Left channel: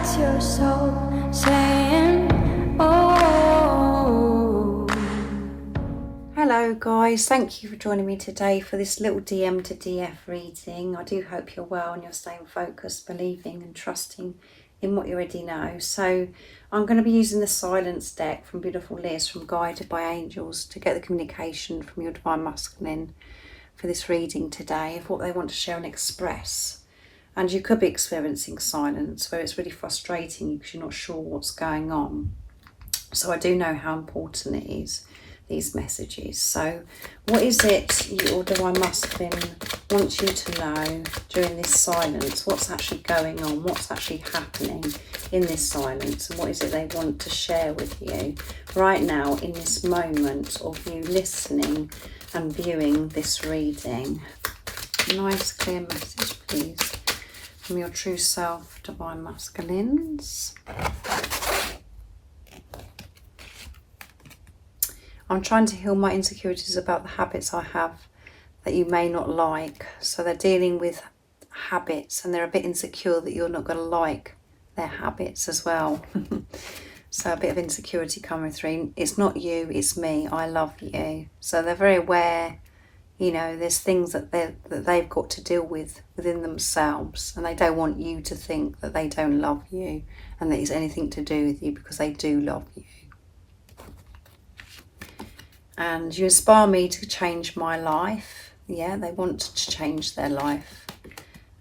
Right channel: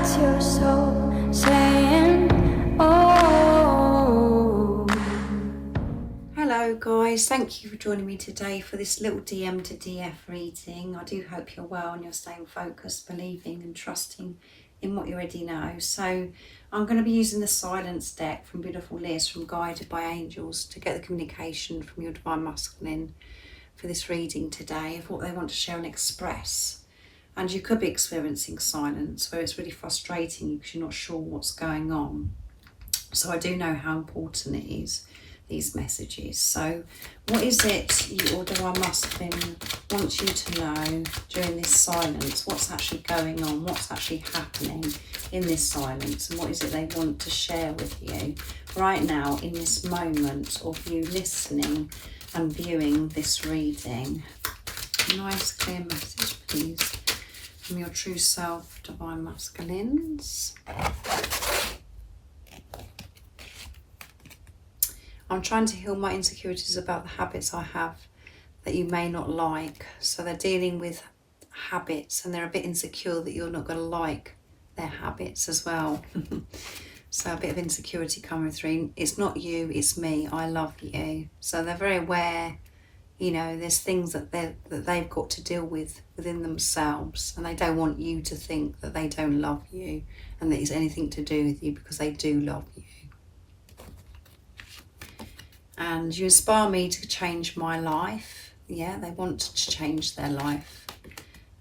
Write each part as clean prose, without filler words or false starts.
That's your soul saying, oh. Hello guys, thank you for joining me today for this little DM to DF reading. I do hope you're well and you're staying focused, believing and trusting in what you already know. So I'm going to be using the Silence deck from Beautiful Liz from Guided by Angels to get the communication from your Divine Masculine for this reading today of what they want to share and express. And you could be experiencing silence where it's really frustrating because you're not sure what's going on. So I do know how important it is, these messages. So what is it your Divine Masculine wants you to know during this silence? What's actually going on? What's actually happening in this silence? And what is it they want to share with you right now in this moment of you listening and viewing this reading? Nice clear message, please, from your true self, Divine Masculines. I'm trying to heal my insecurities about the habits I have that you may not like. So they're dealing with habits and they're a bit insecure that you're not going to like their habits as well. So a bit of insecurity coming through. It's not you, it's me. I love you. So they're very aware, you know, there's things that they've got to deal with within themselves, and they don't want you to think that they don't love you and that it's anything to do with you, because they do love you. And you inspire me to change my life. Yeah, they want to change their life.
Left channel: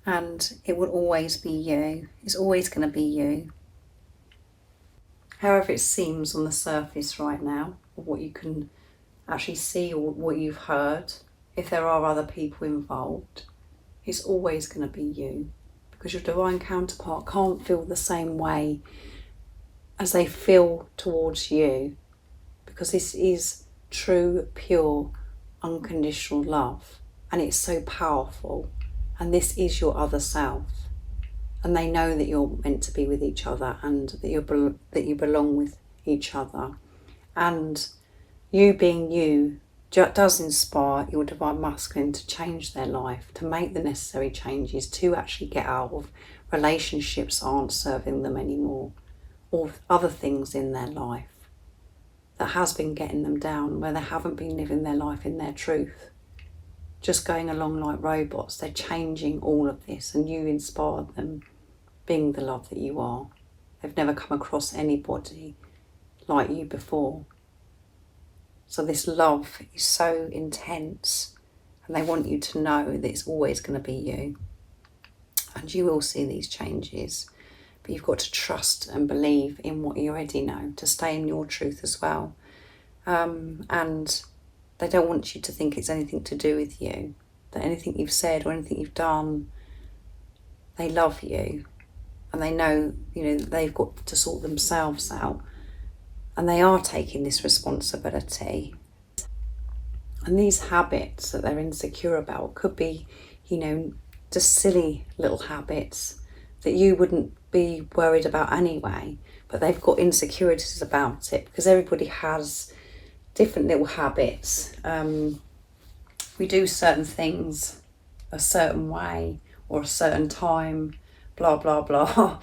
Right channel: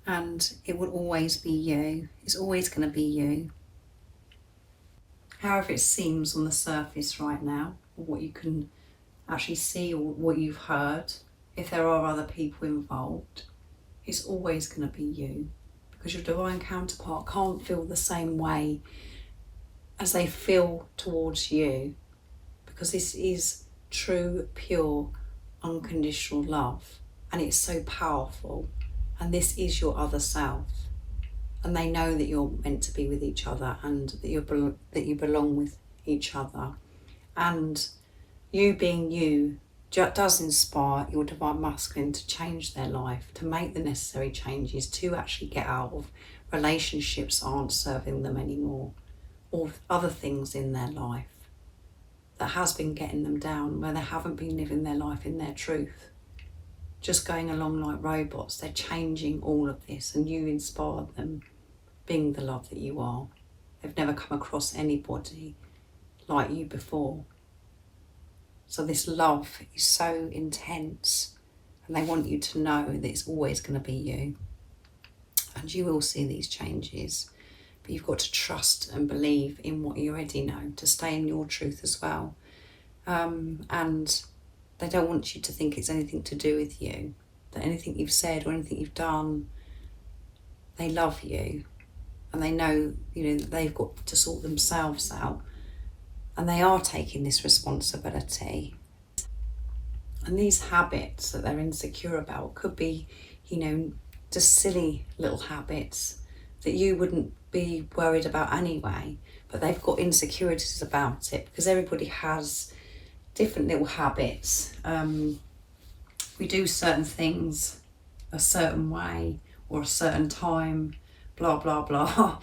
And it will always be you. It's always going to be you. However it seems on the surface right now, or what you can actually see or what you've heard, if there are other people involved, it's always going to be you. Because your divine counterpart can't feel the same way as they feel towards you. Because this is true, pure, unconditional love, and it's so powerful, and this is your other self, and they know that you're meant to be with each other and that you belong with each other, and you being you does inspire your Divine Masculine to change their life, to make the necessary changes, to actually get out of relationships that aren't serving them anymore, or other things in their life that has been getting them down, where they haven't been living their life in their truth, just going along like robots. They're changing all of this, and you inspired them, being the love that you are. They've never come across anybody like you before. So this love is so intense, and they want you to know that it's always going to be you. And you will see these changes. But you've got to trust and believe in what you already know, to stay in your truth as well. And they don't want you to think it's anything to do with you, that anything you've said or anything you've done, they love you, and they know, you know, they've got to sort themselves out, and they are taking this responsibility. And these habits that they're insecure about could be, you know, just silly little habits that you wouldn't be worried about anyway, but they've got insecurities about it, because everybody has different little habits. We do certain things a certain way or a certain time, blah blah blah.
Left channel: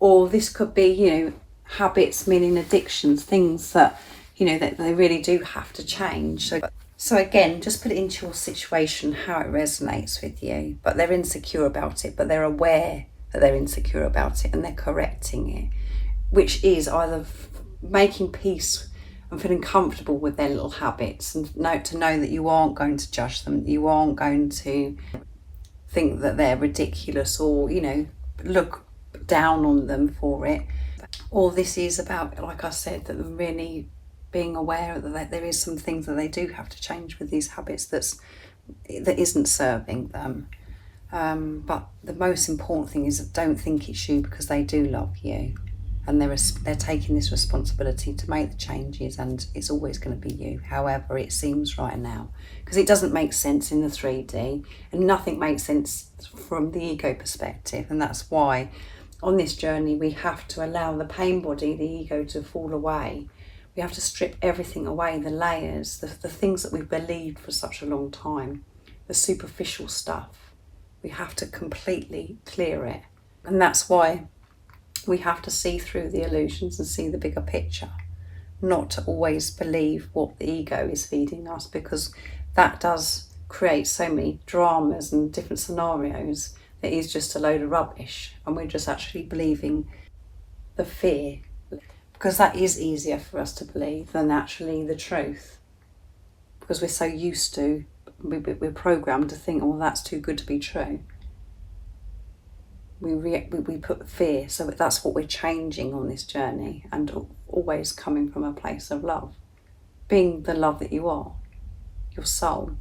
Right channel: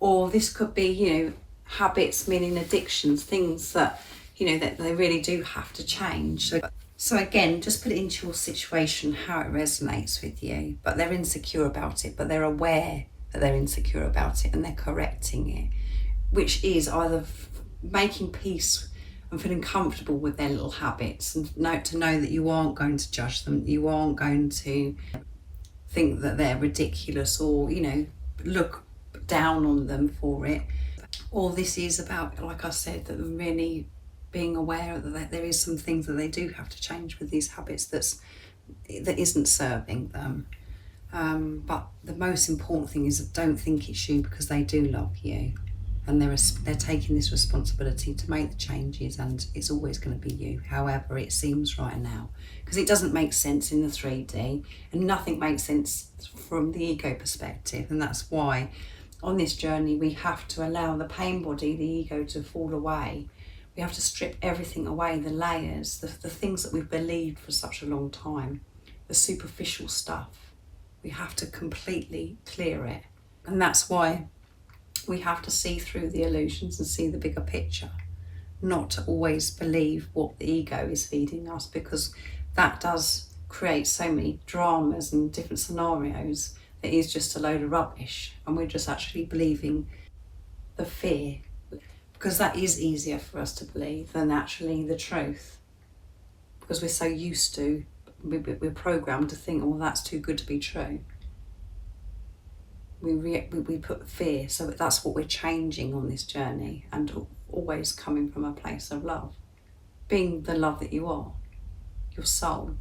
Or this could be, you know, habits meaning addictions, things that, you know, that they really do have to change. So again, just put it into your situation, how it resonates with you. But they're insecure about it, but they're aware that they're insecure about it, and they're correcting it, which is either making peace and feeling comfortable with their little habits, and to know that you aren't going to judge them, you aren't going to think that they're ridiculous or, you know, look down on them for it. All this is about, like I said, that them really being aware that there is some things that they do have to change with these habits that isn't serving them. But the most important thing is, don't think it's you, because they do love you, and they're taking this responsibility to make the changes, and it's always going to be you, however it seems right now, because it doesn't make sense in the 3D, and nothing makes sense from the ego perspective. And that's why on this journey we have to allow the pain body, the ego, to fall away. We have to strip everything away, the layers, the things that we've believed for such a long time, the superficial stuff. We have to completely clear it And that's why we have to see through the illusions and see the bigger picture, not to always believe what the ego is feeding us, because that does create so many dramas and different scenarios that is just a load of rubbish, and we're just actually believing the fear, because that is easier for us to believe than actually the truth, because we're so used to, we're programmed to think, oh, that's too good to be true. We put fear, so that's what we're changing on this journey, and always coming from a place of love, being the love that you are, your soul.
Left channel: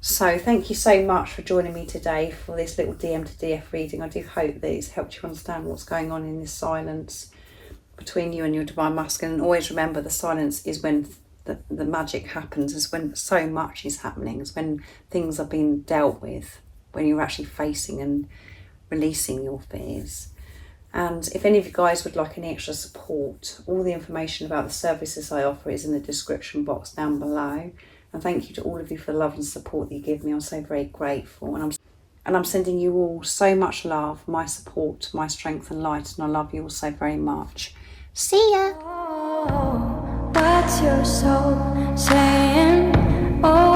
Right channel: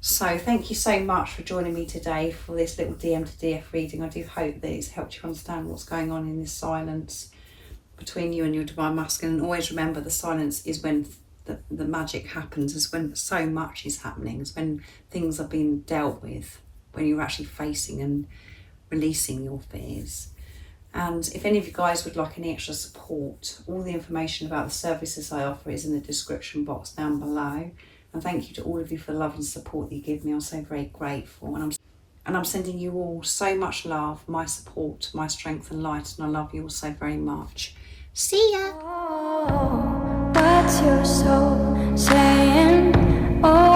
So thank you so much for joining me today for this little DM to DF reading. I do hope that it's helped you understand what's going on in this silence between you and your divine masculine. And always remember, the silence is when the magic happens, is when so much is happening, is when things are being dealt with, when you're actually facing and releasing your fears. And if any of you guys would like any extra support, all the information about the services I offer is in the description box down below. And thank you to all of you for the love and support that you give me. I'm so very grateful, and I'm sending you all so much love, my support, my strength and light, and I love you all so very much. See ya. Oh, what's your soul saying? Oh.